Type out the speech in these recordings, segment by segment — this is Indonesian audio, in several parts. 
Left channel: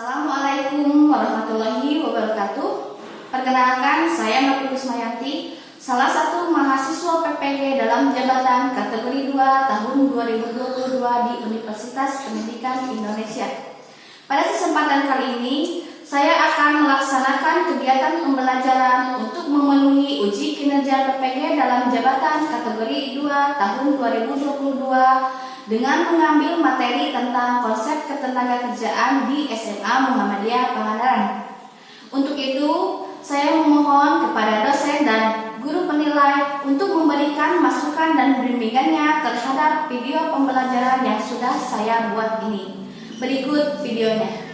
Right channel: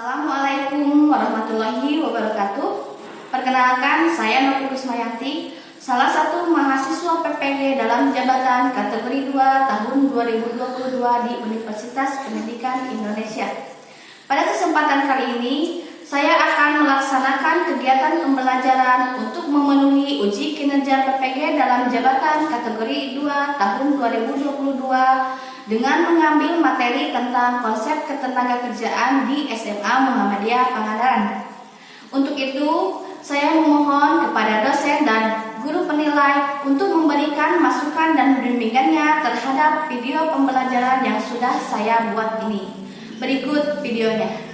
Assalamualaikum warahmatullahi wabarakatuh. Perkenalkan, saya Novi Kusmayanti, salah satu mahasiswa PPG dalam jabatan kategori 2 tahun 2022 di Universitas Pendidikan Indonesia. Pada kesempatan kali ini, saya akan melaksanakan kegiatan pembelajaran untuk memenuhi uji kinerja PPG dalam jabatan kategori 2 tahun 2022 dengan mengambil materi tentang konsep ketenagakerjaan di SMA Muhammadiyah Pangandaran. Untuk itu, saya memohon kepada dosen dan guru penilai untuk memberikan masukan dan bimbingannya terhadap video pembelajaran yang sudah saya buat ini. Berikut videonya.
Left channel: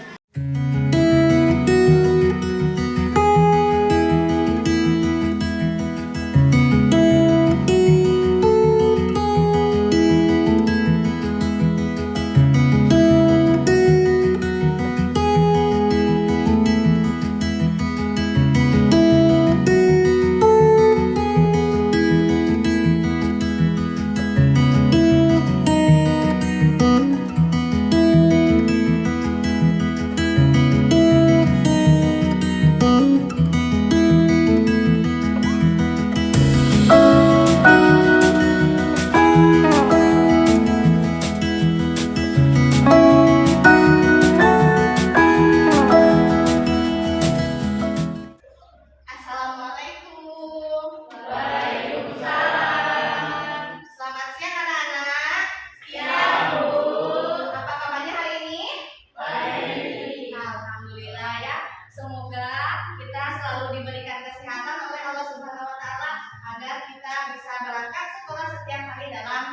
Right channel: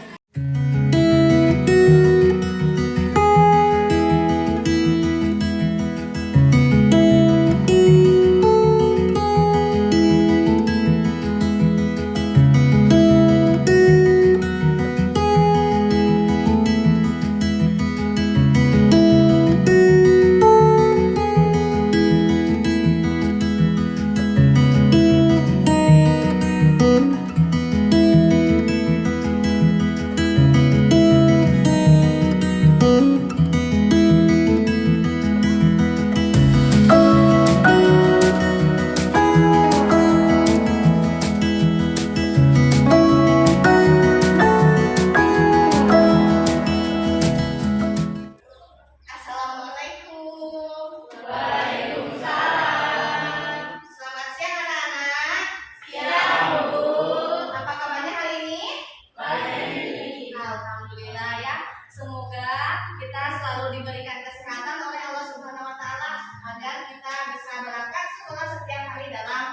Diberikan kesehatan oleh Allah Subhanahu wa taala agar kita bisa berangkat sekolah setiap hari dalam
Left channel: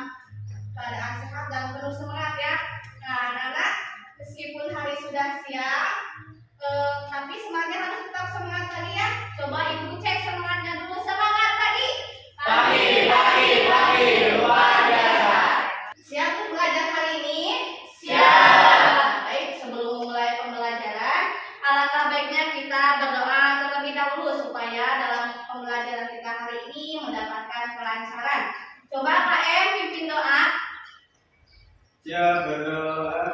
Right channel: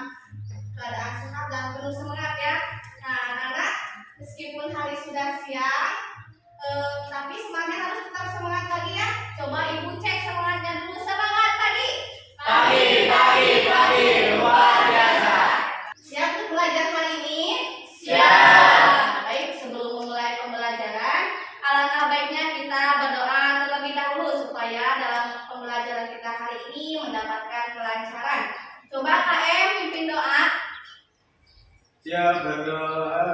keadaan sehat dan penuh semangat ya. Nah, anak-anak, meskipun hari sudah siang, tapi semangatnya harus tetap semangat lagi ya. Coba Ibu cek semangatnya dulu. Semangat pagi. Pagi, luar biasa. Siap untuk belajar hari ini? Siap. Baik, sebelum memulai pembelajaran, alangkah baiknya kita berdoa terlebih dahulu supaya dalam pembelajaran kita hari ini mendapatkan kelancaran. Coba KM pimpin doa. Siap berdoa.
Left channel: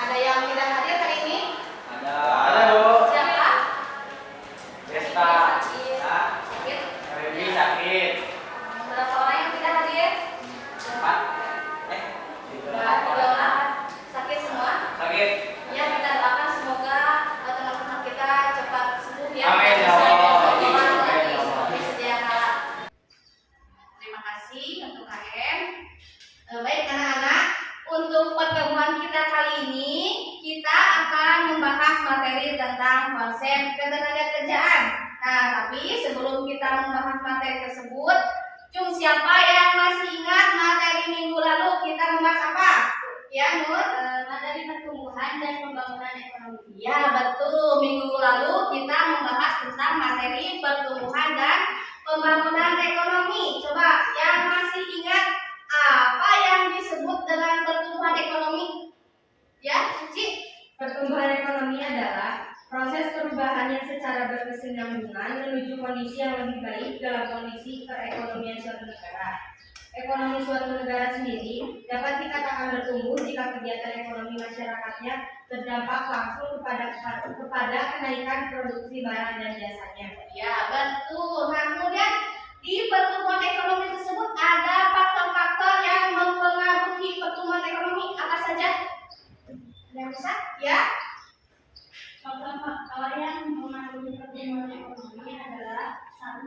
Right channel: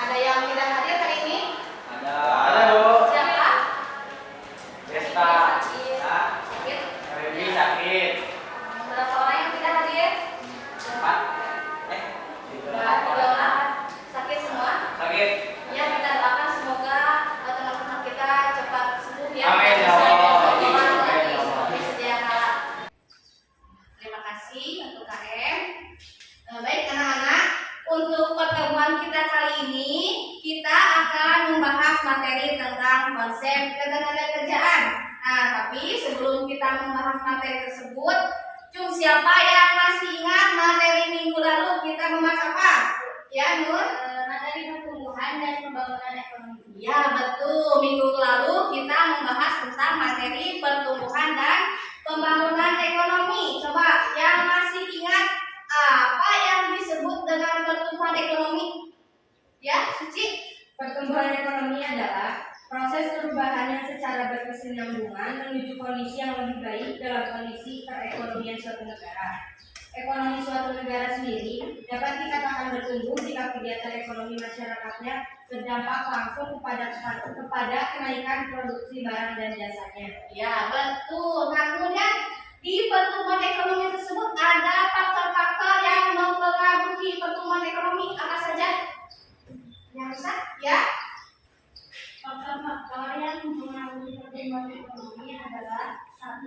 Ada yang tidak hadir hari ini? Ada Bu. Siapa? Desta. Sakit. Revi sakit. Berapa orang yang tidak hadir? 4. Tiga orang. Sakit semua? Sakit. Ya, kita doakan semoga teman-teman kita cepat sembuh ya. Amin ya Bisa Allah. sekolah Amin lagi ya Allah. seperti sedia kala. Terima kasih untuk KM. Baik anak-anak, untuk pertemuan kita kali ini kita akan membahas materi tentang konsep ketenagakerjaan. Nah, tapi sebelum kita membahas materi tersebut, siapa yang masih ingat materi minggu lalu kita membahas apa? Ya, Nur? Materi pertumbuhan dan pembangunan ekonomi. Ya, betul. Minggu lalu kita membahas tentang materi pertumbuhan dan pembangunan ekonomi. Coba yang masih ingat apa yang disebut dengan pertumbuhan ekonomi? Ya, Suci? Pertumbuhan ekonomi adalah proses perubahan yang secara berkesinambungan menuju kondisi yang lebih baik dalam kondisi perekonomian suatu negara. Ekonomi suatu negara sendiri dapat dikatakan bertumbuh jika kegiatan ekonomi masyarakatnya berdampak langsung kepada kenaikan produksi barang dan jasanya. Ya, betul. Nah, kemudian di pertumbuhan ekonomi tersebut ada faktor-faktor yang mempengaruhi pertumbuhan ekonomi. Apa saja? Yang rusak? Ya. Faktor-faktor yang mempengaruhi pertumbuhan ekonomi adalah 1.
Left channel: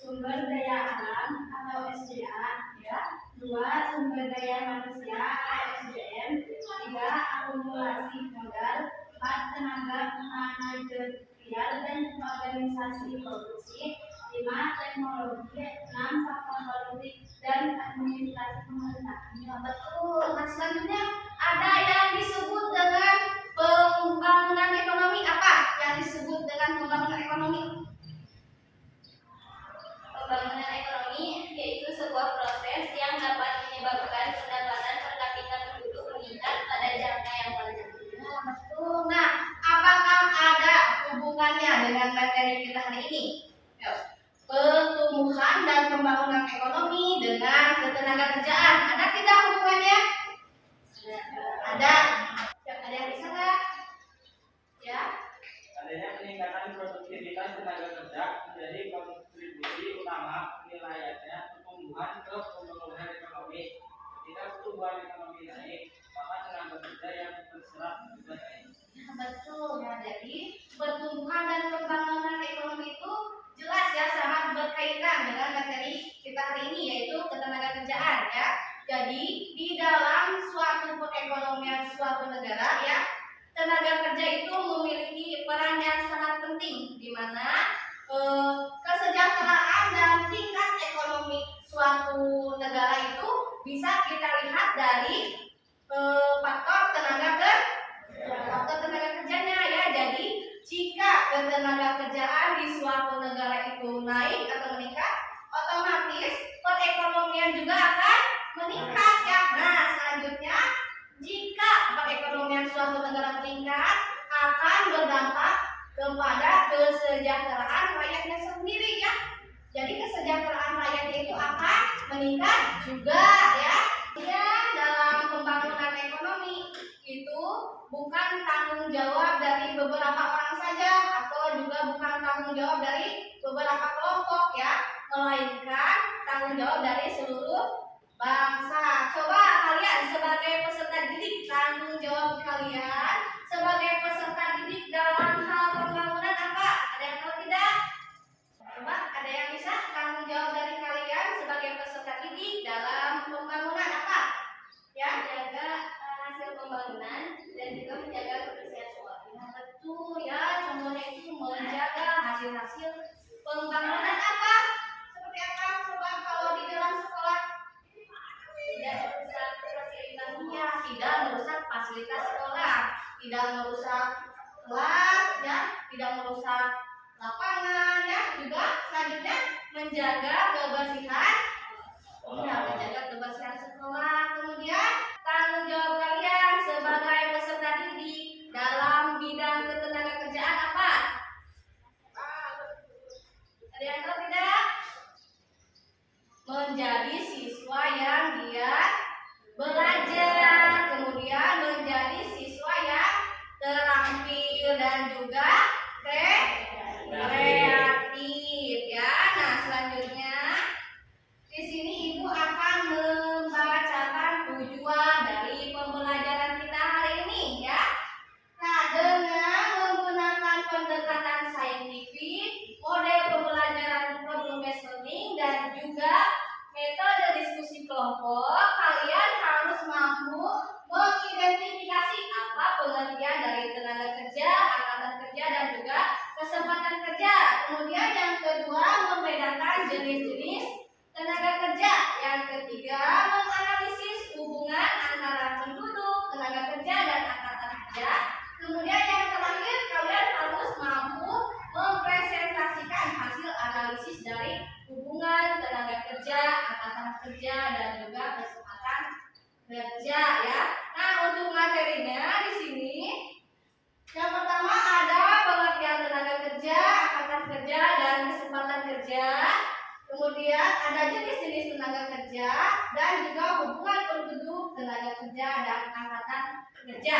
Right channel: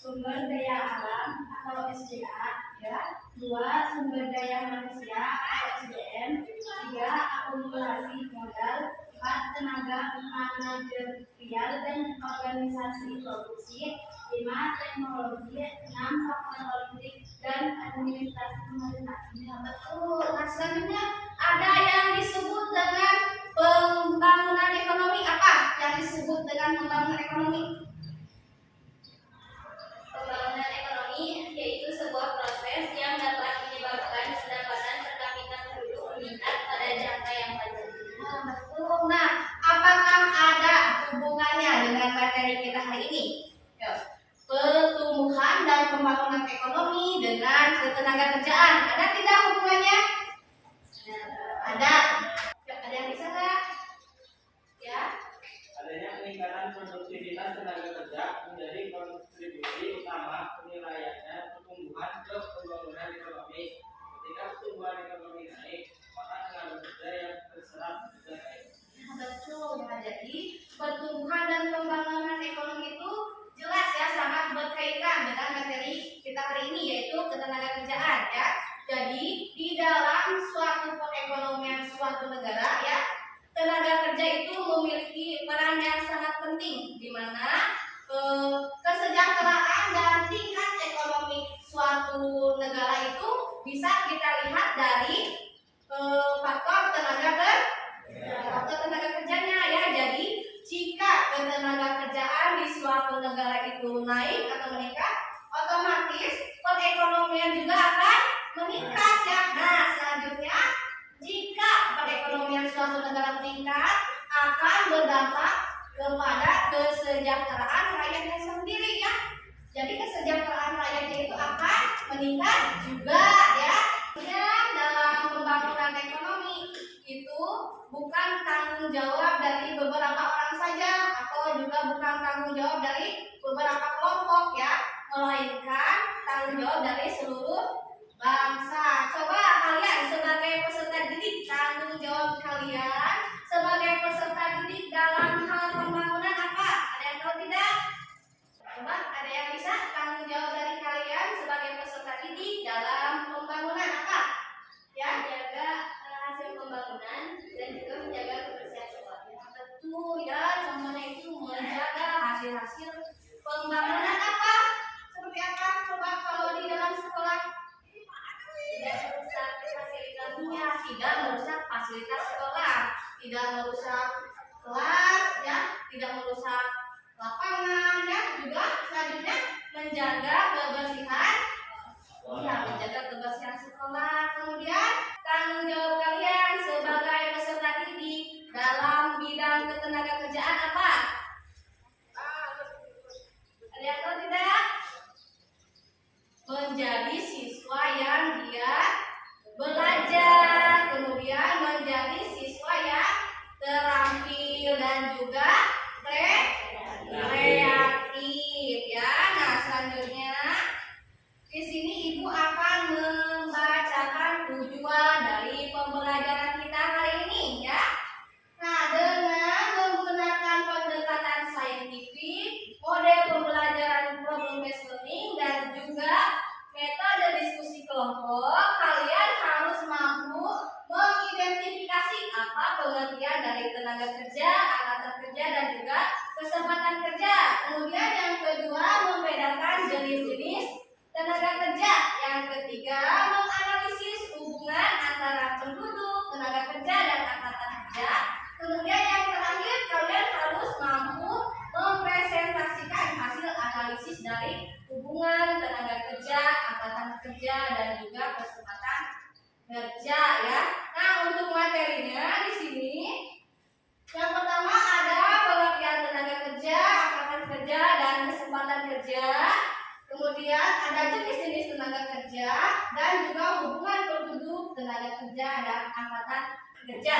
Sumber daya alam atau SDA, ya. 2. Sumber daya manusia atau SDM. 3. Akumulasi modal. 4. Tenaga manajerial dan organisasi produksi, 5 teknologi, 6 faktor politik dan administrasi pemerintah. Ini betul. Nah, selanjutnya ada yang disebut dengan pembangunan ekonomi. Apa yang disebut dengan pembangunan ekonomi? Pembangunan ekonomi yaitu sebuah proses yang dapat menyebabkan pendapatan per kapita penduduk meningkat pada jangka yang panjang. Nah, betul. Nah, apakah ada hubungannya dengan materi kita hari ini? Yuk. Pertumbuhan dan pembangunan ekonomi dengan ketenagakerjaan. Ada tidak hubungannya? Ada. Ada yang bisa nggak? Ya. Adanya peningkatan produktivitas tenaga kerja menjadi kontribusi utama penilaiannya pertumbuhan ke pembangunan ekonomi. Ketika pertumbuhan ekonomi naik, maka tenaga kerja yang terserap juga naik. Nah, betul ya. Jadi pertumbuhan dan pembangunan ekonomi itu jelas ya sangat berkaitan dengan materi kita hari ini yaitu ketenagakerjaan ya. Jadi di dalam suatu perekonomian suatu negara ya, tenaga kerja itu memiliki peran yang sangat penting di mana kesejahteraan dan tingkat ekonomi suatu negara itu bisa kita lihat dari faktor tenaga kerjanya ya. Jadi jika ketenagakerjaan di suatu negara itu naik atau meningkat, otomatis perekonomian juga akan meningkat ya. Nah, selanjutnya jika perekonomian suatu negara meningkat akan berdampak kepada kesejahteraan rakyatnya sendiri ya. Jadi kesejahteraan rakyatnya itu akan meningkat juga ya. Dalam pembangunan ekonomi itu bukan tanggung jawab dari beberapa orang saja atau juga bukan tanggung jawab dari beberapa kelompok ya, melainkan tanggung jawab dari seluruh bangsa. Coba kalian sebagai peserta didik, tanggung jawab kalian sebagai peserta didik dalam hal pembangunan apa? Ada yang tahu tidak? Coba ada yang bisa tanggung jawab dari kalian sebagai peserta didik dalam pembangunan apa? Ya, jaga hasil pembangunan dan juga menjaga kebersihan sekolah. Ya, betul ya, contohnya itu menjaga hasil-hasil pembangunan apa? Seperti apa? Coba kalau di dalam sekolah tidak merusak fasilitasnya, tidak merusak fasilitas sekolah, tidak merusak kelas ya, tidak merusak lapangan ya, juga selanjutnya menjaga kebersihan menjaga kebersihan sekolah. Kemudian tanggung jawab kalian sebagai peserta didik dalam bidang ketenagakerjaan apa? Ada yang tahu tidak? Menjadi siswa yang giat belajar, kemudian menjadi siswa yang terampil dan juga kreatif ya. Nah, selanjutnya di sini Ibu akan membacakan tujuan dari pembelajaran kita hari ini ya. Nah, dengan menggunakan pendekatan saintifik, model pembelajaran problem based learning dan juga metode diskusi kelompok, kalian harus mampu mengidentifikasi apa pengertian dari tenaga kerja, angkatan kerja dan juga kesempatan kerja. Kemudian yang kedua, membedakan jenis-jenis tenaga kerja. Yang ketiga, menganalisis hubungan antara penduduk, tenaga kerja dan angkatan kerja. Kemudian yang terakhir, kalian harus mampu mempresentasikan hasil analisis dari hubungan tenaga kerja, angkatan kerja dan juga kesempatan kerja ya. Nah, untuk materinya di sini yang pertama ada pengertian tenaga kerja, angkatan kerja dan kesempatan kerja. Kemudian ada jenis-jenis tenaga kerja dan juga hubungan penduduk, tenaga kerja dan angkatan kerja.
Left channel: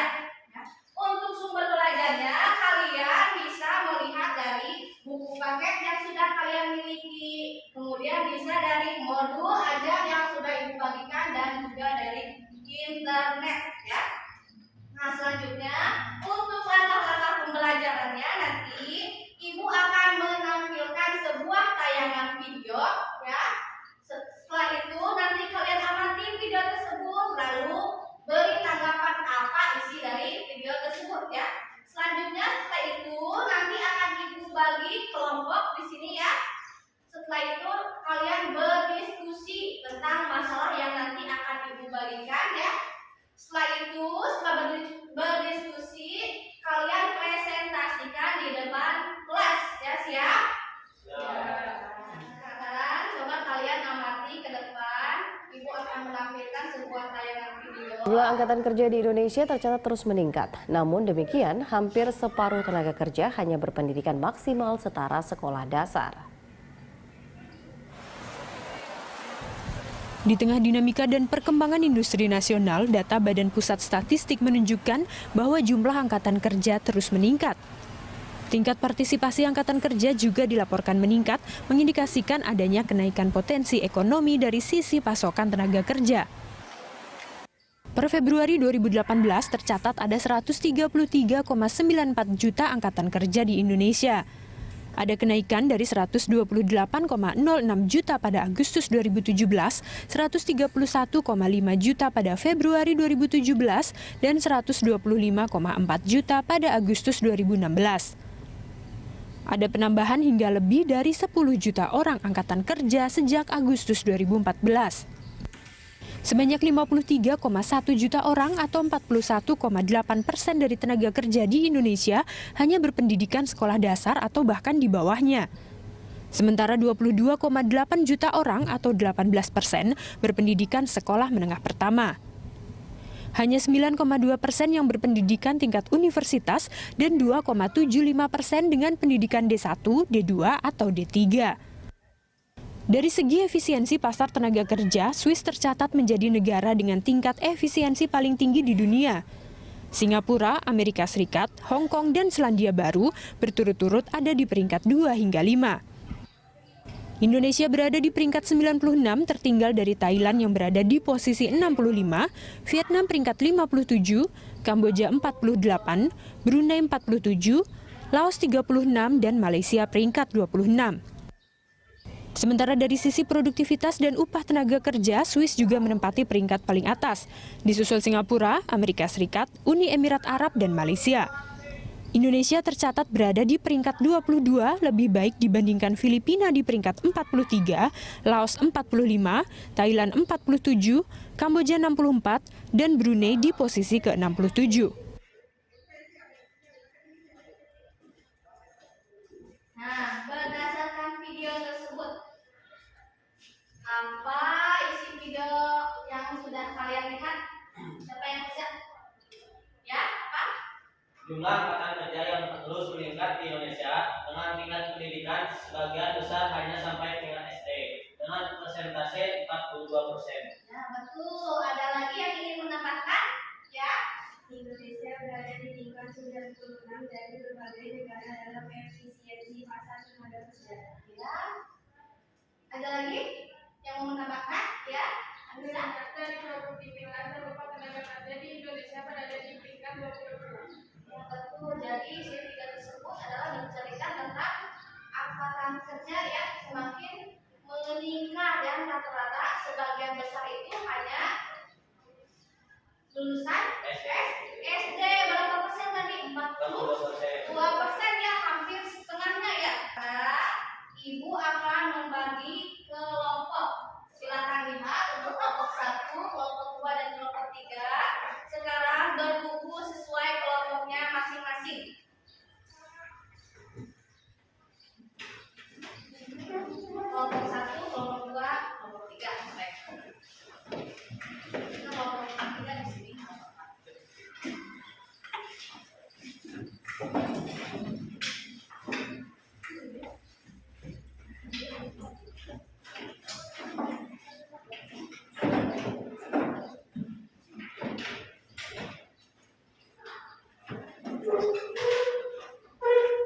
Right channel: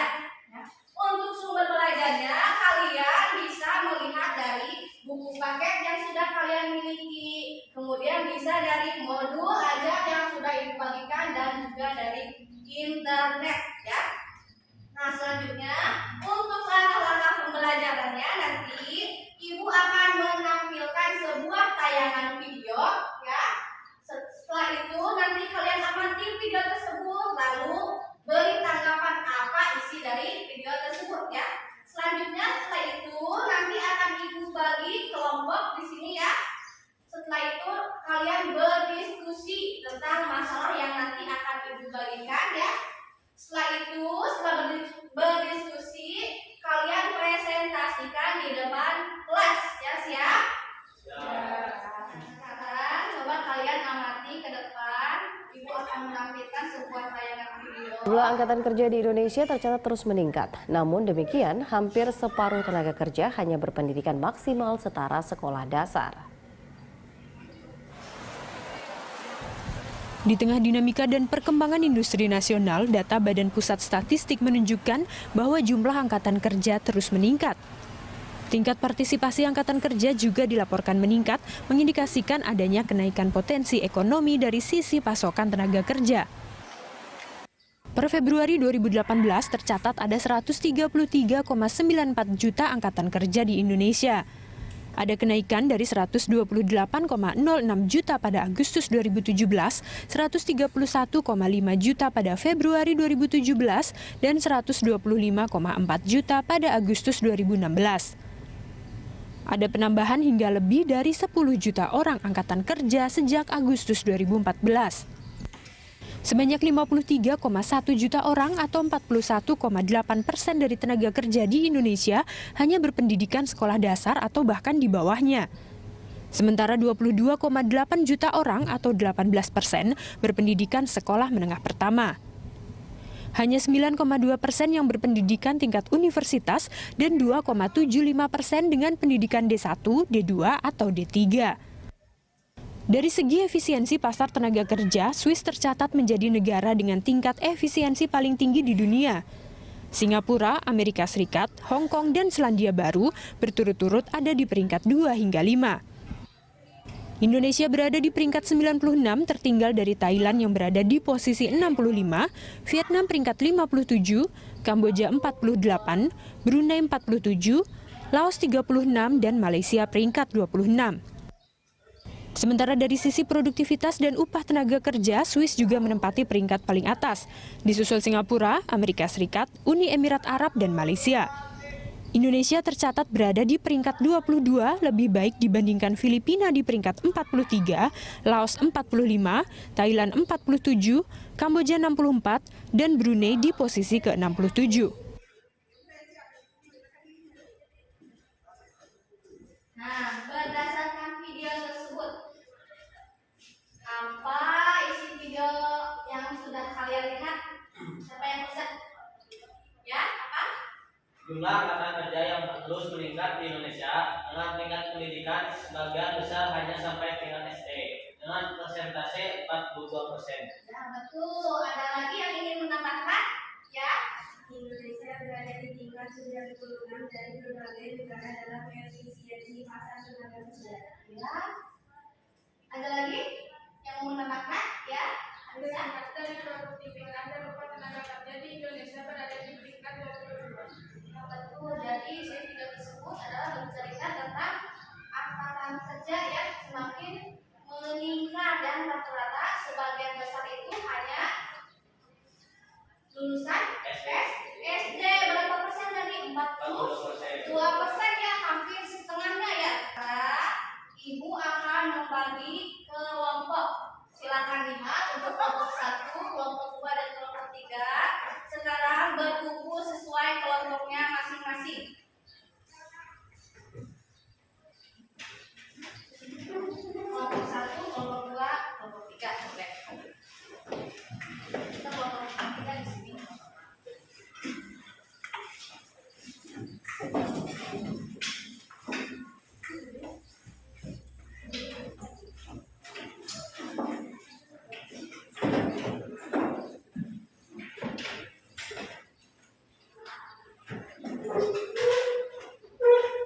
Ya. Untuk sumber belajarnya kalian bisa melihat dari buku paket yang sudah kalian miliki, kemudian bisa dari modul ajar yang sudah Ibu bagikan dan juga dari internet ya. Nah, selanjutnya untuk langkah-langkah pembelajarannya nanti Ibu akan menampilkan sebuah tayangan video ya. Setelah itu nanti kalian amati video tersebut lalu beri tanggapan apa isi dari video tersebut ya. Selanjutnya setelah itu nanti akan Ibu bagi kelompok kelompok di sini ya. Setelah itu kalian berdiskusi tentang masalah yang nanti akan ibu bagikan ya. Setelah berdiskusi, kalian presentasikan di depan kelas ya, siap? Sekarang coba kalian amati ke depan. Ibu akan menampilkan sebuah tayangan video. Jumlah angkatan kerja di Indonesia tercatat terus meningkat. Namun demikian, hampir separuh tenaga kerja hanya berpendidikan maksimal setara sekolah dasar. Di tengah dinamika dan perkembangan industri nasional, data Badan Pusat Statistik menunjukkan bahwa jumlah angkatan kerja terus meningkat. Tingkat partisipasi angkatan kerja juga dilaporkan meningkat, mengindikasikan adanya kenaikan potensi ekonomi dari sisi pasokan tenaga kerja. Per Februari 2018 tercatat ada 133,94 juta angkatan kerja di Indonesia. Ada kenaikan dari 128,06 juta pada Agustus 2017, 131,5 juta pada Februari 2017, dan 125,4 juta pada Agustus 2016. Ada penambahan hingga lebih dari 10 juta orang angkatan kerja sejak Agustus 2014. Sebanyak 53,1 juta orang atau 41,8% dari tenaga kerja di Indonesia hanya berpendidikan sekolah dasar atau bahkan di bawahnya. Sementara 22,8 juta orang atau 18% berpendidikan sekolah menengah pertama. Hanya 9,2% yang berpendidikan tingkat universitas dan 2,75% dengan pendidikan D1, D2, atau D3. Dari segi efisiensi pasar tenaga kerja, Swiss tercatat menjadi negara dengan tingkat efisiensi paling tinggi di dunia. Singapura, Amerika Serikat, Hong Kong, dan Selandia Baru berturut-turut ada di peringkat 2 hingga 5. Indonesia berada di peringkat 96, tertinggal dari Thailand yang berada di posisi 65, Vietnam peringkat 57, Kamboja 48, Brunei 47, Laos 36, dan Malaysia peringkat 26. Sementara dari sisi produktivitas dan upah tenaga kerja, Swiss juga menempati peringkat paling atas, disusul Singapura, Amerika Serikat, Uni Emirat Arab, dan Malaysia. Indonesia tercatat berada di peringkat 22, lebih baik dibandingkan Filipina di peringkat 43, Laos 45, Thailand 47, Kamboja 64, dan Brunei di posisi ke-67. Nah, berdasarkan video tersebut, apa isi video yang sudah kalian lihat? Siapa yang bisa? Ya, apa? Jumlah angkatan kerja yang terus meningkat di Indonesia dengan tingkat pendidikan sebagian besar hanya sampai tingkat SD dengan persentase 42%. Ya, betul. Ada lagi yang ingin menambahkan? Ya. Indonesia berada di tingkat 96 dari berbagai negara dalam efisiensi pasar tenaga kerja. Ya. Ada lagi yang mau menambahkan? Ya. Bisa? Dari produktivitas dan upah tenaga kerja di Indonesia berada di peringkat 22. Ya, betul. Jadi video tersebut adalah bercerita tentang angkatan kerja yang semakin meningkat dan rata-rata sebagian besar itu hanya lulusan SD. Berapa persen tadi? 42% ya, hampir setengahnya ya. Nah, Ibu akan membagi kelompok. Silakan lihat untuk kelompok 1, kelompok 2, dan kelompok 3. Sekarang berkumpul sesuai kelompoknya masing-masing. Kelompok 1, kelompok 2, kelompok 3. Baik. Kita kelompok 3 di sini.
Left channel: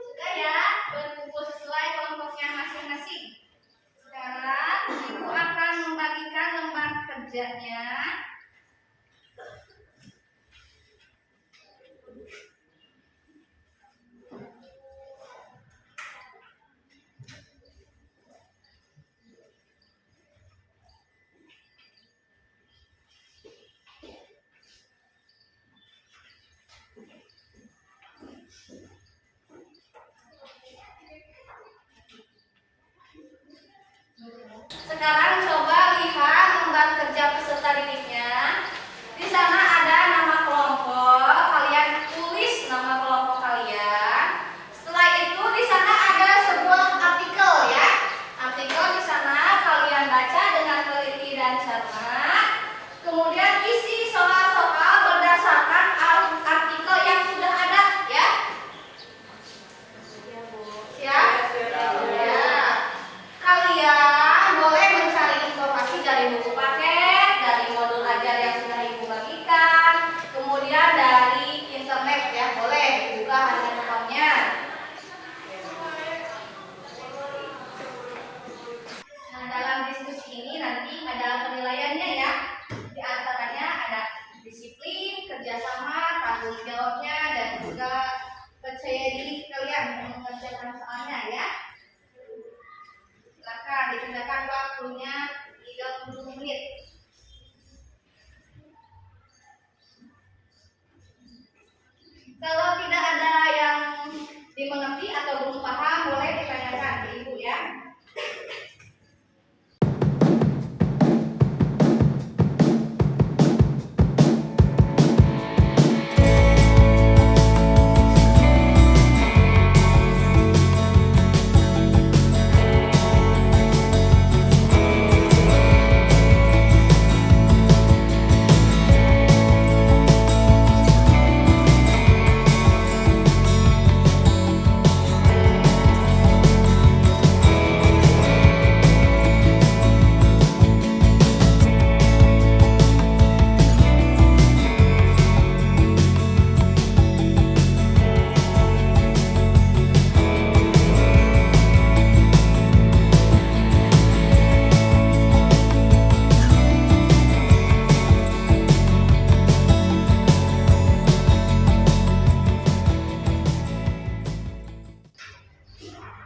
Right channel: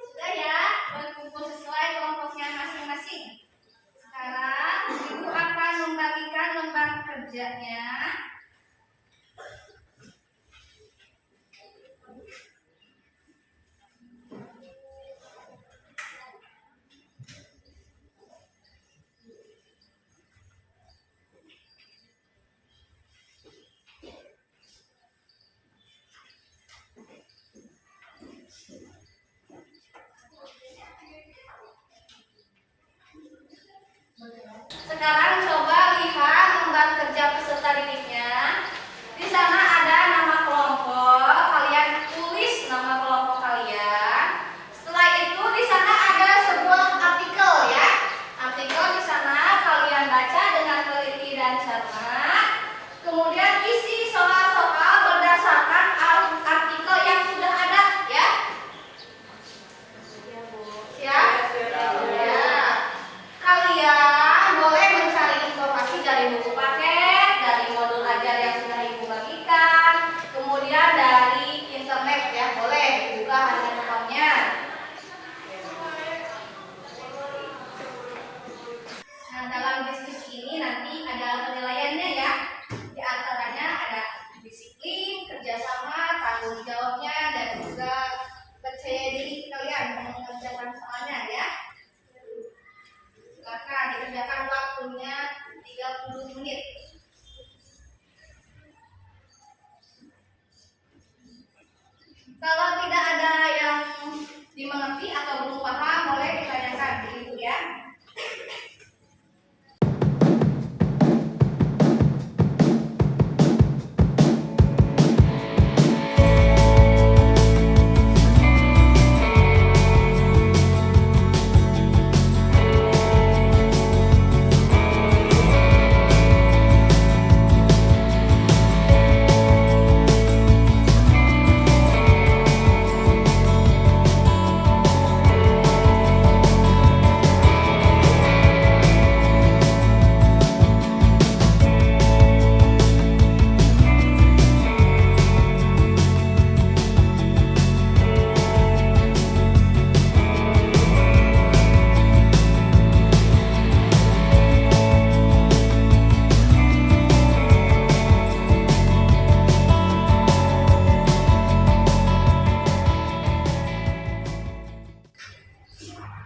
Sudah ya, berkumpul sesuai kelompoknya masing-masing. Sekarang Ibu akan membagikan lembar kerjanya.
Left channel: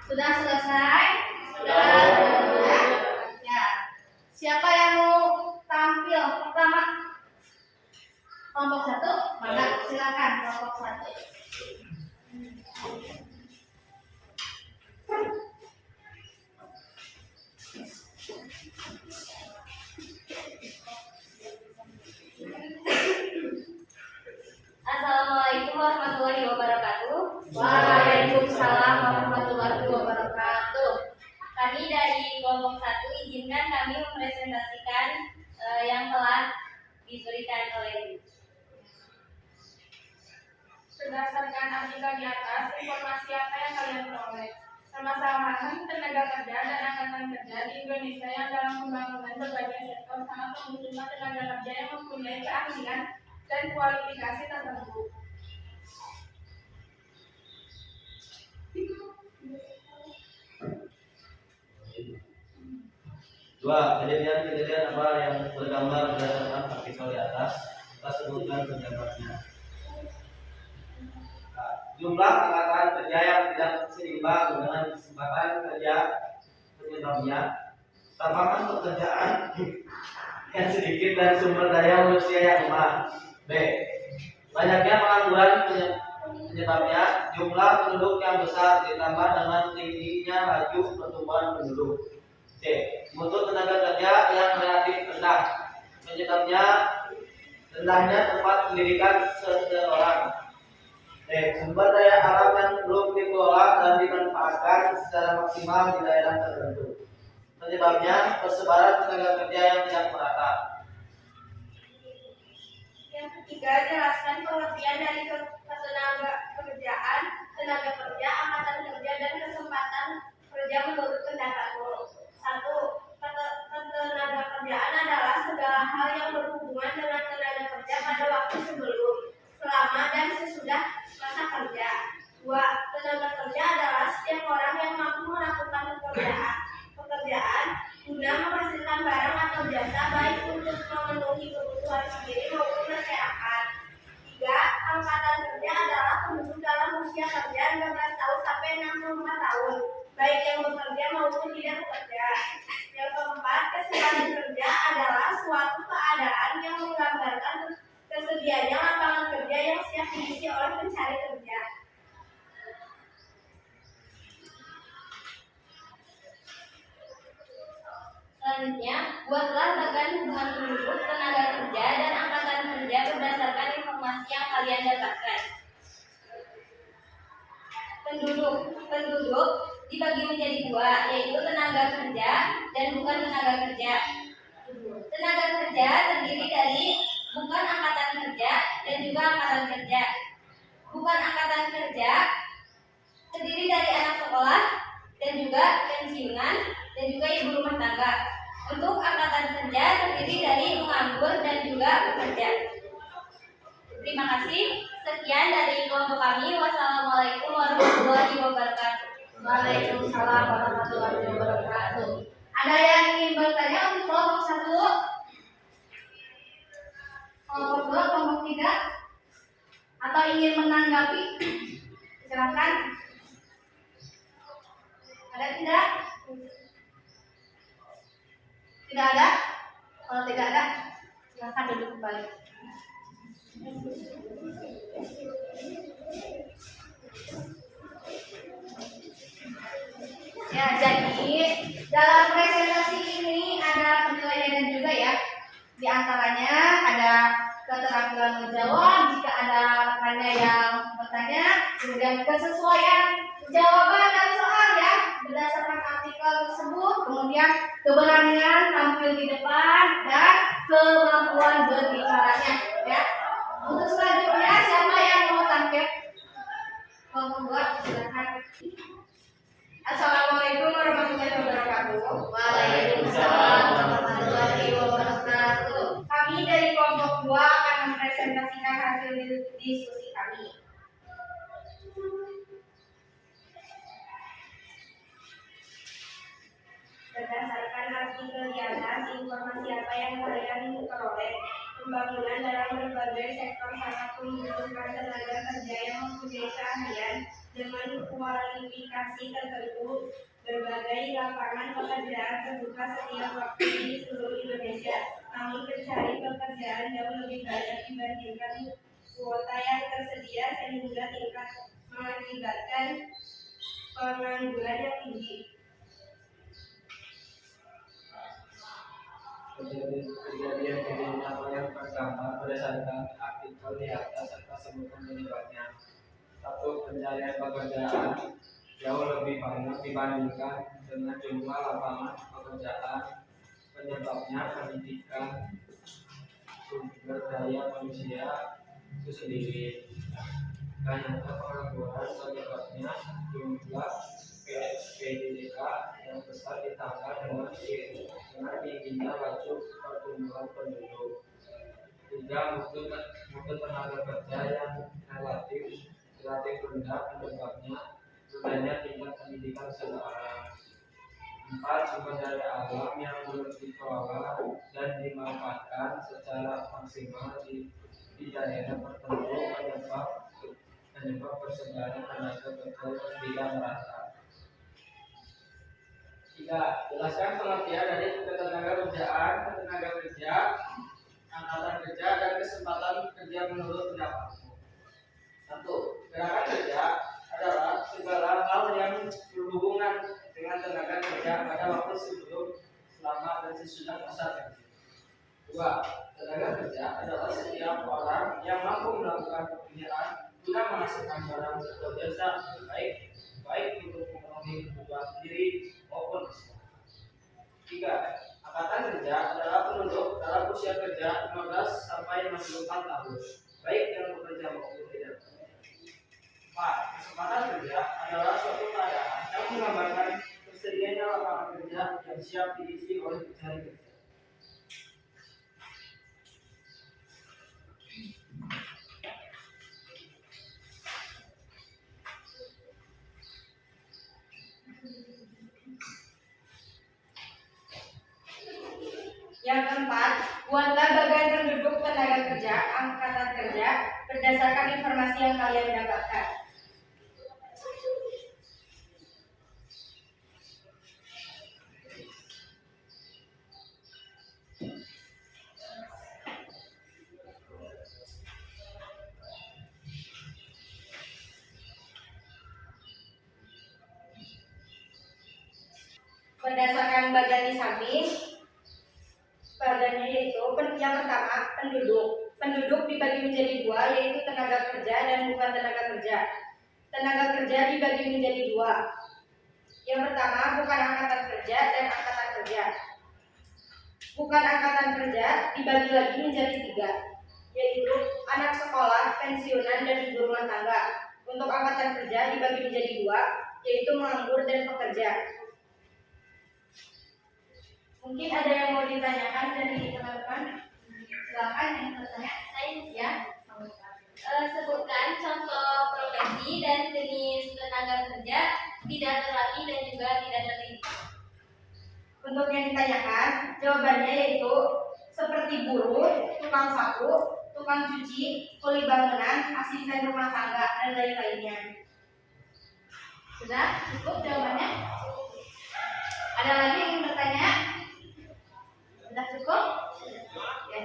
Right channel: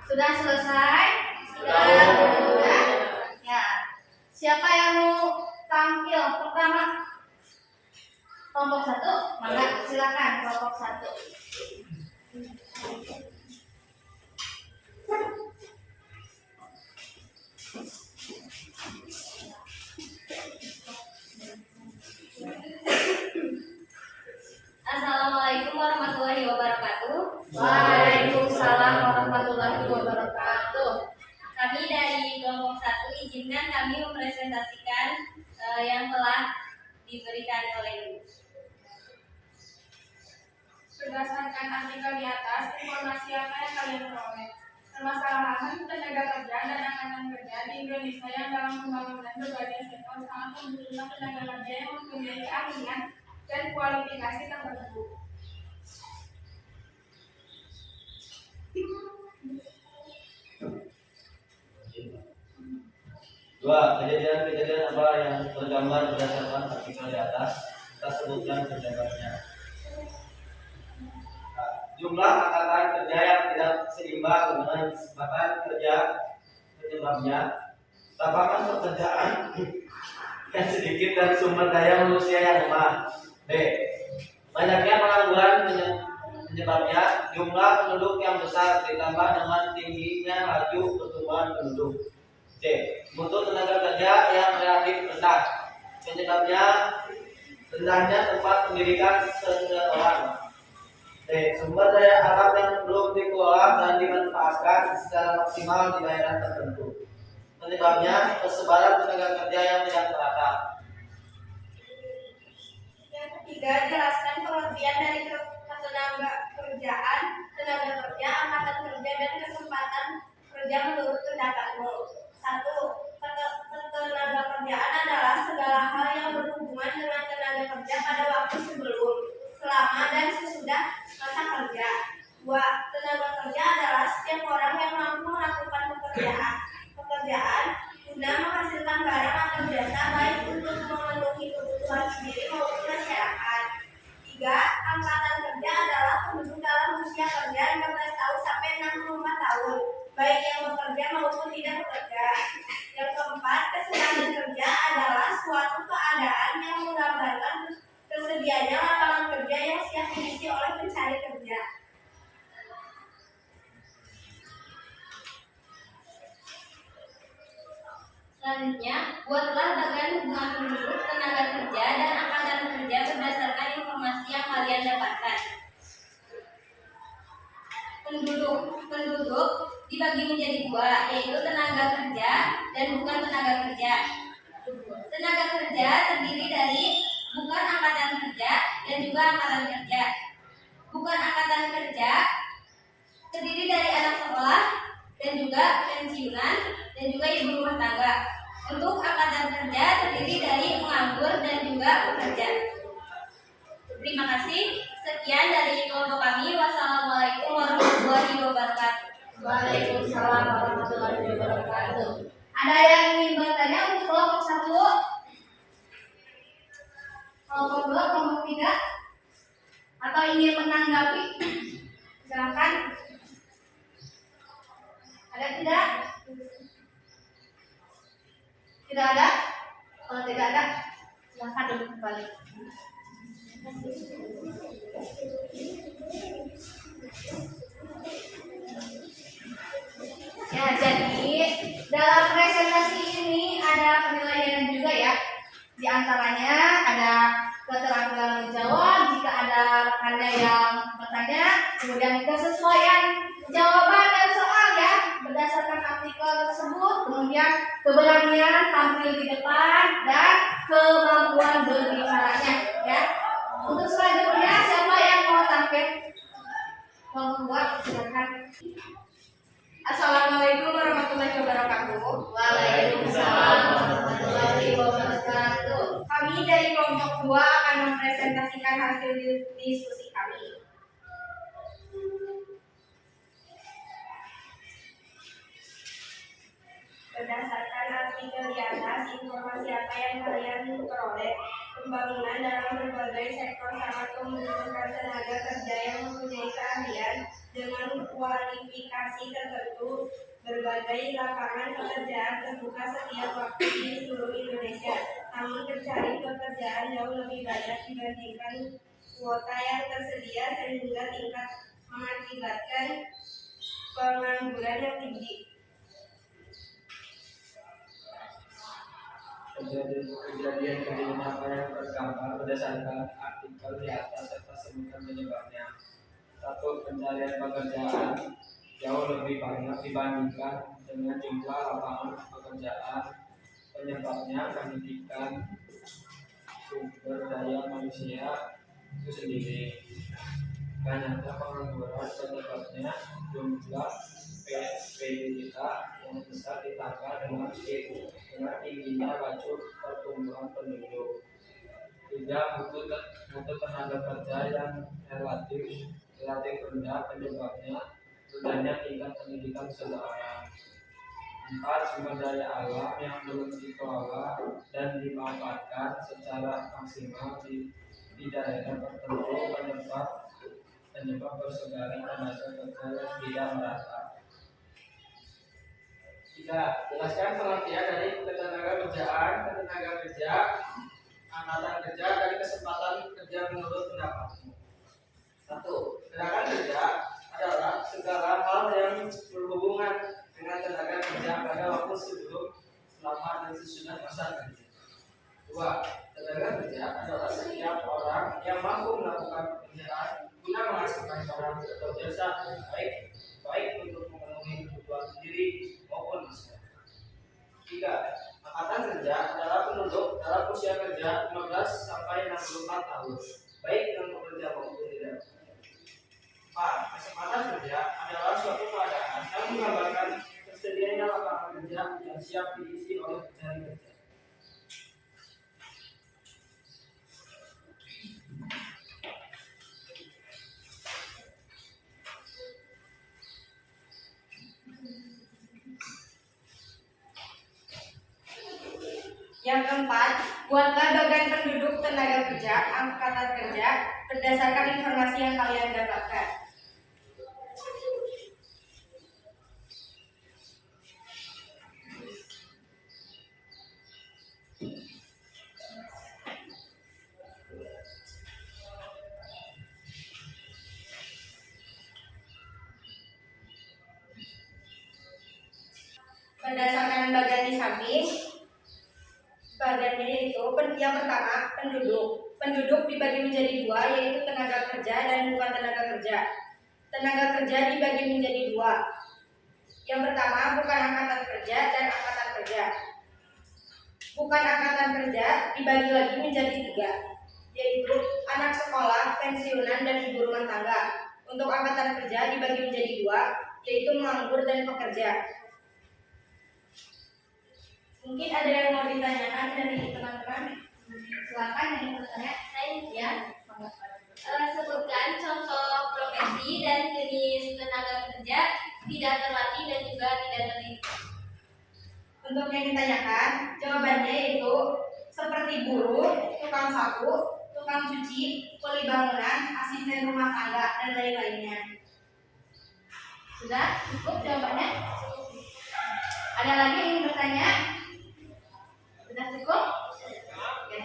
Sudah selesai? Sudah. Sudah. Ya. Siapa yang mau tampil pertama? Kelompok 1, mangga silakan kelompok 1. Assalamualaikum warahmatullahi wabarakatuh. Waalaikumsalam warahmatullahi wabarakatuh. Kami dari kelompok 1 izinkan kami mempresentasikan yang telah diberikan oleh Ibu. Berdasarkan artikel di atas, informasi apa yang kalian peroleh? Permasalahan tenaga kerja dan angkatan kerja di Indonesia yang dalam pembangunan berbagai sektor sangat membutuhkan tenaga kerja yang mempunyai keahlian dan kualifikasi tertentu. Dua, kejadian-kejadian apa yang tergambar berdasarkan artikel di atas, kita sebutkan penyebabnya. Nah, jumlah angkatan kerja yang tidak seimbang dengan kesempatan kerja penyebabnya, lapangan pekerjaan yang sedikit dan sumber daya manusia yang lemah. B, banyaknya pengangguran penyebabnya, jumlah penduduk yang besar ditambah dengan tingginya laju pertumbuhan penduduk. C, mutu tenaga kerja yang relatif rendah, penyebabnya rendahnya tempat pendidikan seseorang. D, sumber daya alam yang belum dikelola dan dimanfaatkan secara maksimal di daerah tertentu, penyebabnya persebaran tenaga kerja yang tidak merata. Yang ketiga, jelaskan pengertian dari ketenaga kerjaan, tenaga kerja, angkatan kerja, dan kesempatan kerja menurut pendapatmu. 1. Ketenaga kerjaan adalah segala hal yang berhubungan dengan tenaga kerja pada waktu sebelum, selama, dan sesudah masa kerja. 2. Tenaga kerja adalah setiap orang yang mampu melakukan pekerjaan guna menghasilkan barang atau jasa baik untuk memenuhi kebutuhan sendiri maupun masyarakat. 3. Angkatan kerja adalah penduduk dalam usia kerja 15 tahun sampai 64 tahun, baik yang bekerja maupun tidak bekerja. Yang keempat, kesehatan kerja adalah suatu keadaan yang menggambarkan tersedianya lapangan kerja yang siap diisi oleh pencari kerja. Selanjutnya, buatlah bagan hubungan penduduk, tenaga kerja, dan angkatan kerja berdasarkan informasi yang kalian dapatkan. Penduduk dibagi menjadi dua, yaitu tenaga kerja dan bukan tenaga kerja. Tenaga kerja terdiri dari bukan angkatan kerja dan juga angkatan kerja. Bukan angkatan kerja terdiri dari anak sekolah dan juga pensiunan dan juga ibu rumah tangga. Untuk angkatan kerja terdiri dari penganggur dan juga pekerja. Terima kasih. Sekian dari kelompok kami. Wassalamualaikum warahmatullahi wabarakatuh. Waalaikumsalam warahmatullahi wabarakatuh. Ada yang ingin bertanya untuk kelompok 1? Kelompok 2, kelompok 3? Atau ingin menanggapi? Silakan. Ada tidak? Tidak ada? Kalau tidak ada, silakan duduk kembali. Ya, jadi dalam presentasi ini ada penilaian juga ya. Di antaranya ada keterampilan menjawab jika ada rekannya yang bertanya, kemudian kesesuaian jawaban dan soal ya berdasarkan artikel tersebut, kemudian keberanian tampil di depan dan kemampuan berbicaranya ya. Untuk selanjutnya siapa yang mau tampil? Membuat silakan. Assalamualaikum warahmatullahi wabarakatuh. Waalaikumsalam warahmatullahi wabarakatuh. Kami dari kelompok 2 akan mempresentasikan hasil diskusi kami. Berdasarkan artikel di atas, informasi apa yang kalian peroleh? pembangunan dalam berbagai sektor sangat membutuhkan tenaga kerja yang mempunyai keahlian dengan kualifikasi tertentu. Berbagai lapangan pekerjaan terbuka setiap waktu di seluruh Indonesia, namun pencari pekerjaan jauh lebih banyak dibandingkan kuota yang tersedia sehingga tingkat mengakibatkan pengangguran yang tinggi. Kejadian apa yang tergambar berdasarkan artikel di atas serta sebutan penyebabnya. 1. Pencarian pekerjaan jauh lebih banyak dibandingkan dengan jumlah lapangan pekerjaan. Penyebabnya pendidikan sumber daya manusia itu sendiri. Banyaknya pengangguran penyebabnya jumlah PDDK yang besar ditambah dengan tingginya laju pertumbuhan penduduk. 3. Mutu tenaga kerja yang relatif rendah penyebabnya rendahnya tingkat pendidikan seseorang. 4. Sumber daya alam yang belum dikelola dan dimanfaatkan secara maksimal di daerah tertentu penyebab persebaran tenaga kerja yang tidak merata. 3. Jelaskan pengertian dari ketenaga kerja, angkatan kerja, dan kesempatan kerja menurut pendapatmu. 1. Gerakan kerja adalah segala hal yang berhubungan dengan tenaga kerja pada waktu sebelum, selama, dan sesudah masa kerja. 2. Tenaga kerja adalah setiap orang yang mampu melakukan pekerjaan guna menghasilkan barang atau jasa baik untuk memenuhi kebutuhan sendiri maupun masyarakat. 3. Angkatan kerja adalah penduduk dalam usia kerja 15 sampai 64 tahun, baik yang bekerja maupun tidak. 4. Kesempatan kerja adalah suatu keadaan yang menggambarkan tersedianya lapangan kerja yang siap diisi oleh pencari kerja. Yang keempat, buatlah bagian penduduk tenaga kerja, angkatan kerja, berdasarkan informasi yang kalian dapatkan. Berdasarkan bagian di samping, bagiannya yaitu yang pertama penduduk. Penduduk dibagi menjadi dua, yaitu tenaga kerja dan bukan tenaga kerja. Tenaga kerja dibagi menjadi dua. Yang pertama bukan angkatan kerja dan angkatan kerja. Bukan angkatan kerja dibagi lagi menjadi tiga, yaitu anak sekolah, pensiunan, dan ibu rumah tangga. Untuk angkatan kerja dibagi menjadi dua, yaitu menganggur dan pekerja. Mungkin ada yang mau ditanyakan dari teman-teman? Silakan yang bertanya. Ya. Sebutkan contoh profesi dan jenis tenaga kerja tidak terlatih dan juga tidak terdidik. Untuk yang ditanyakan, jawabannya yaitu seperti buruh, tukang sapu, tukang cuci, kuli bangunan, asisten rumah tangga, dan lain-lainnya. Sudah cukup jawabannya? Ada lagi yang ingin bertanya? Sudah cukup? Ya.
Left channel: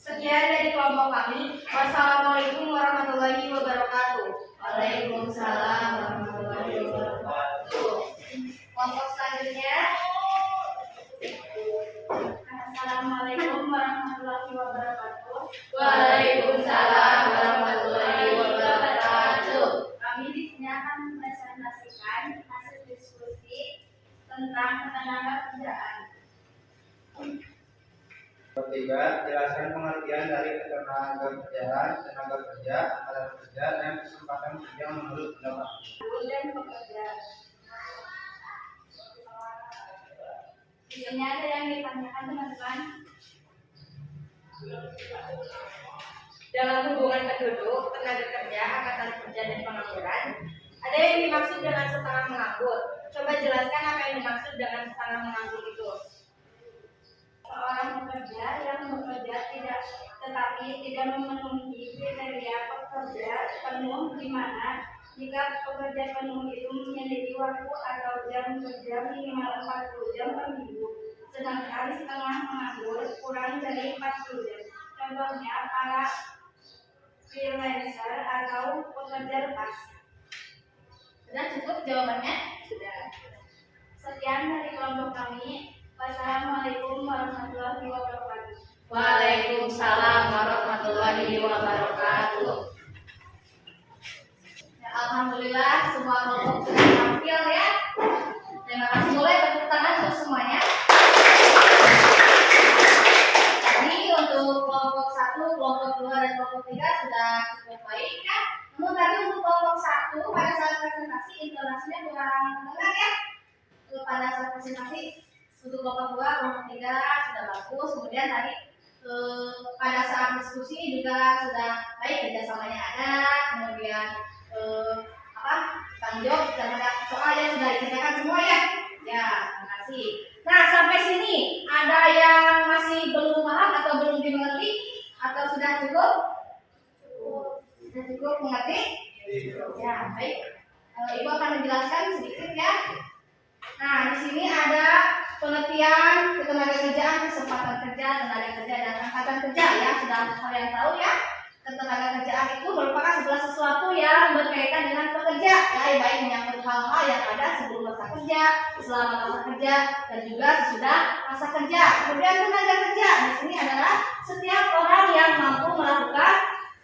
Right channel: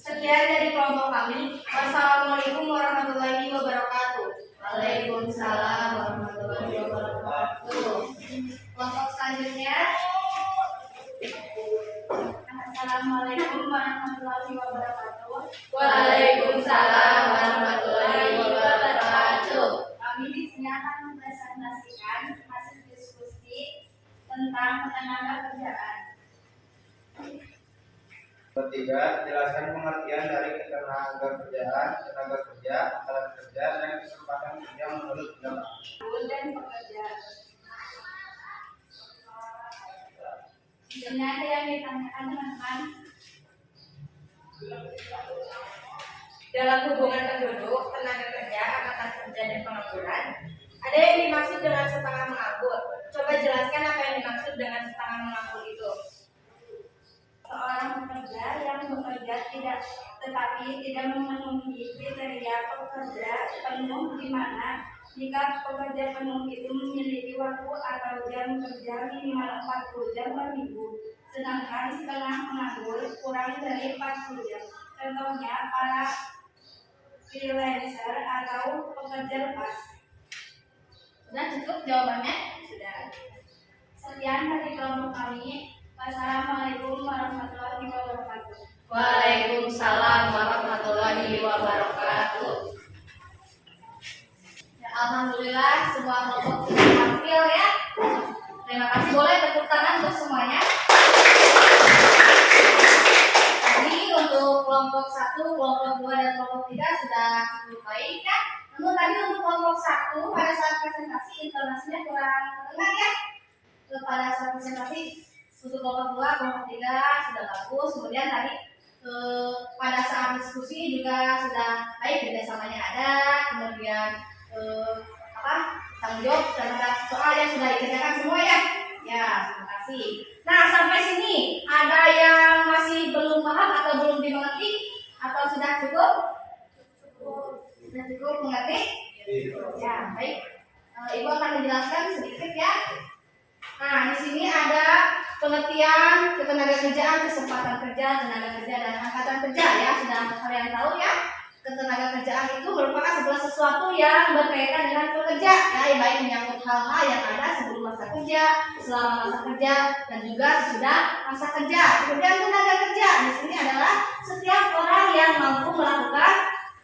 Sekian dari kelompok kami. Wassalamualaikum warahmatullahi wabarakatuh. Waalaikumsalam warahmatullahi wabarakatuh. Kelompok selanjutnya. Assalamualaikum warahmatullahi wabarakatuh. Waalaikumsalam warahmatullahi wabarakatuh. Kami di sini akan mempresentasikan hasil diskusi tentang ketenaga kerjaan. Ketiga, jelaskan pengertian dari ketenaga kerjaan, tenaga kerja, angkatan kerja, dan kesempatan kerja menurut pendapat. Dan pekerja. Di sini ada yang ditanyakan teman-teman. Dalam hubungan penduduk, tenaga kerja, angkatan kerja, dan pengangguran, ada yang dimaksud dengan setengah menganggur. Coba jelaskan apa yang dimaksud dengan setengah menganggur itu. Seorang pekerja pekerja yang bekerja tetapi tidak memenuhi kriteria pekerja penuh, di mana jika pekerja penuh itu memiliki waktu atau jam kerja minimal 40 jam per minggu, sedangkan setengah penganggur kurang dari 40 jam. Contohnya para freelancer atau pekerja lepas. Sudah cukup jawabannya? Sudah. Sekian dari kelompok kami. Wassalamualaikum warahmatullahi wabarakatuh. Waalaikumsalam warahmatullahi wabarakatuh. Ya, alhamdulillah semua kelompok sudah tampil ya. Terima kasih, boleh tepuk tangan untuk semuanya. Tadi untuk kelompok 1, kelompok 2 dan kelompok 3 sudah cukup baik ya. Namun tadi untuk kelompok 1 pada saat presentasi intonasinya kurang terdengar ya. Pada saat presentasi untuk kelompok 2, kelompok 3 sudah bagus. Kemudian tadi pada saat diskusi juga sudah baik, kerjasamanya ada. Kemudian tanggung jawab terhadap soal yang sudah dikerjakan semua ya. Ya, terima kasih. Nah, sampai sini ada yang masih belum paham atau belum dimengerti atau sudah cukup? Sudah cukup mengerti? Ya, baik. Ibu akan menjelaskan sedikit ya. Nah, di sini ada pengertian ketenagakerjaan, kesempatan kerja, tenaga kerja, dan angkatan kerja ya. Sudah kalian tahu ya. Ketenagakerjaan itu merupakan segala sesuatu yang berkaitan dengan pekerja, ya, baik menyangkut hal-hal yang ada sebelum masa kerja, selama masa kerja, dan juga sesudah masa kerja. Kemudian tenaga kerja di sini adalah setiap orang yang mampu melakukan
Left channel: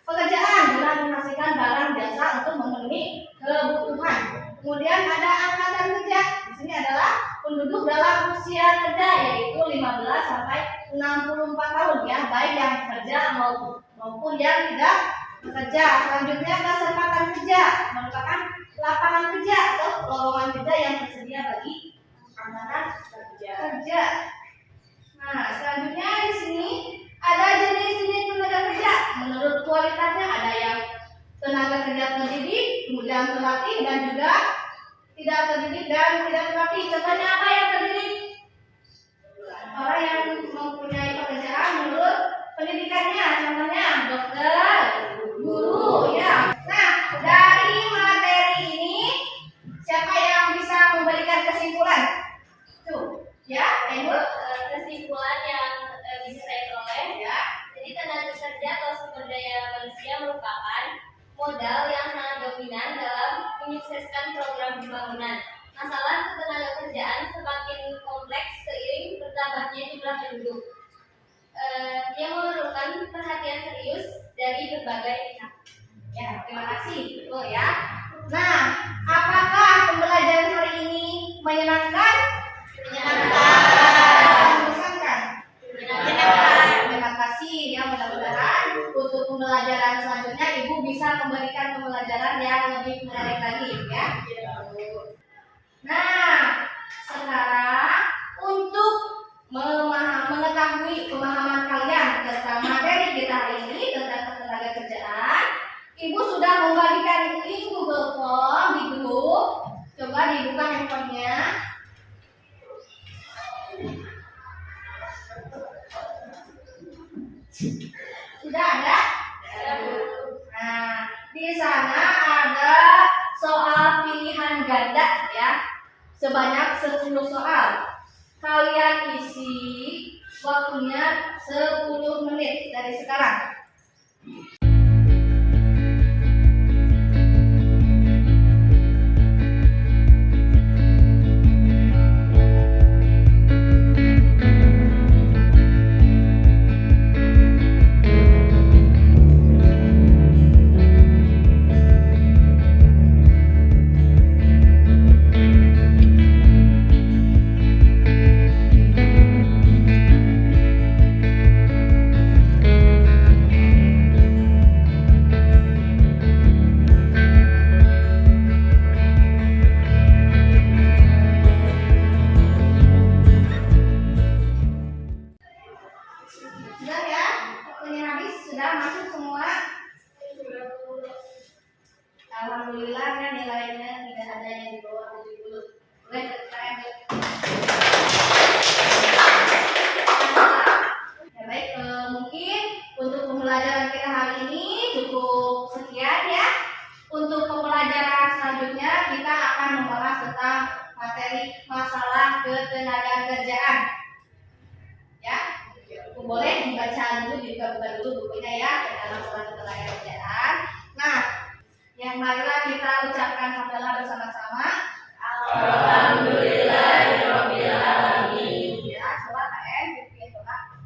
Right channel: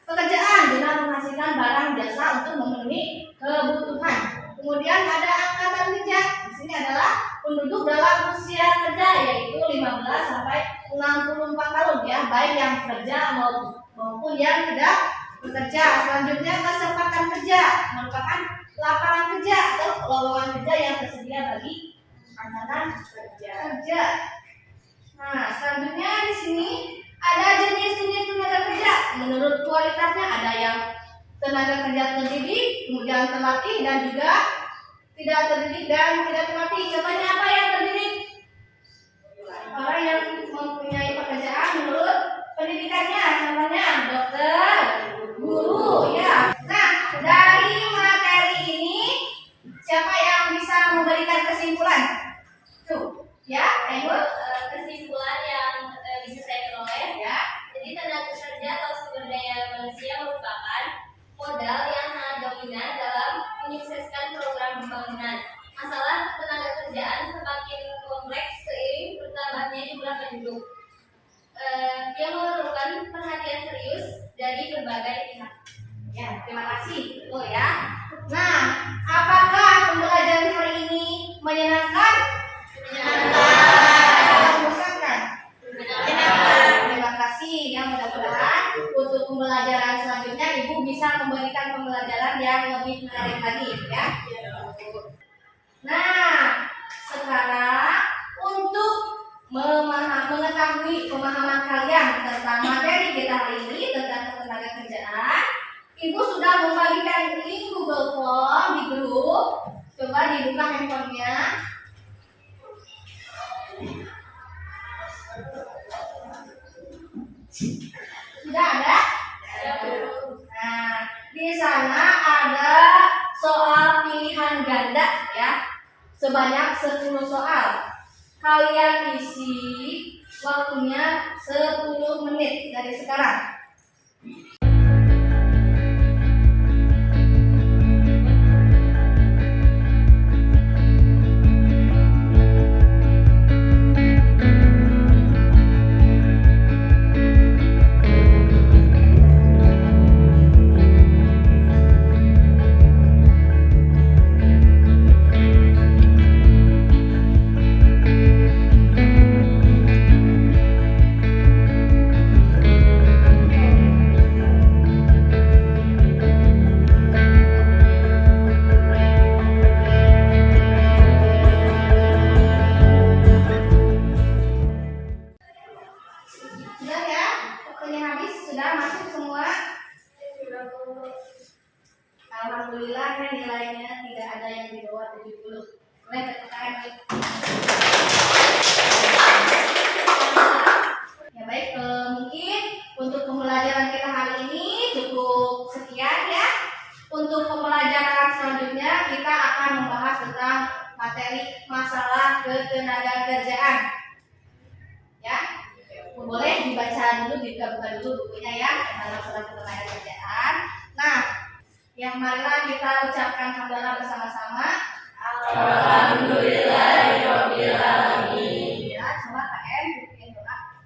pekerjaan guna menghasilkan barang jasa untuk memenuhi kebutuhan. Kemudian ada angkatan kerja. Di sini adalah penduduk dalam usia kerja, yaitu 15 sampai 64 tahun ya, baik yang bekerja maupun yang tidak bekerja. Selanjutnya kesempatan kerja merupakan lapangan kerja atau lowongan kerja yang tersedia bagi angkatan kerja. Nah, selanjutnya di sini ada jenis-jenis tenaga kerja. Menurut kualitasnya ada yang tenaga kerja terdidik, kemudian terlatih, dan juga tidak terdidik dan tidak terlatih. Contohnya apa yang terdidik? Orang yang mempunyai pekerjaan menurut pendidikannya, contohnya dokter, guru, ya. Nah, dari materi ini siapa yang bisa memberikan kesimpulan? Tuh, ya, Ibu. Kesimpulan yang bisa saya peroleh ya. Jadi tenaga kerja atau sumber daya manusia merupakan modal yang sangat dominan dalam menyukseskan program pembangunan. Masalah ketenagakerjaan semakin kompleks seiring bertambahnya jumlah penduduk. Yang memerlukan perhatian serius dari berbagai pihak. Ya, terima kasih. Betul ya. Nah, apakah pembelajaran hari ini menyenangkan? Membosankan? Terima kasih ya, mudah-mudahan untuk pembelajaran selanjutnya Ibu bisa memberikan pembelajaran yang lebih menarik lagi ya. Nah, sekarang untuk mengetahui pemahaman kalian tentang materi kita hari ini tentang ketenagakerjaan, Ibu sudah membagikan link Google Form di grup. Coba dibuka handphonenya. Sudah ada? Nah, di sana ada soal pilihan ganda ya. Sebanyak 10 soal. Kalian isi waktunya 10 menit dari sekarang. materi masalah ketenagakerjaan. Ya, boleh dibaca dulu, dibuka dulu bukunya ya tentang masalah ketenagakerjaan. Nah, yang marilah kita ucapkan hamdalah bersama-sama. Alhamdulillahirabbil alamin. Ya, coba KM bikin doa.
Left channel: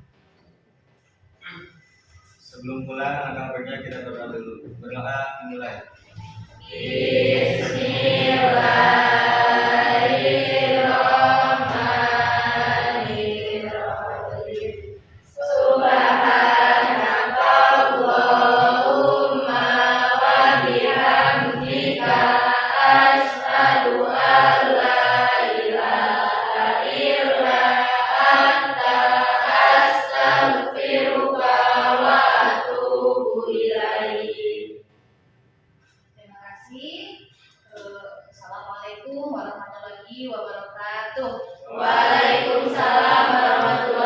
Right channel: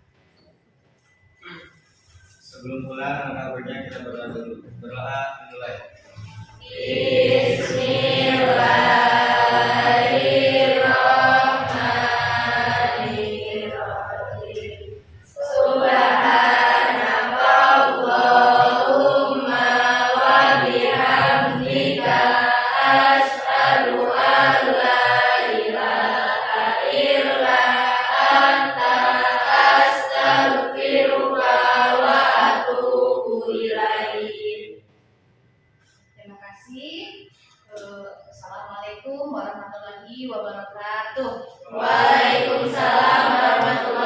Sebelum pulang angkat kerja kita berdoa dulu. Berdoa dimulai. Terima kasih. Assalamualaikum warahmatullahi wabarakatuh. Waalaikumsalam warahmatullahi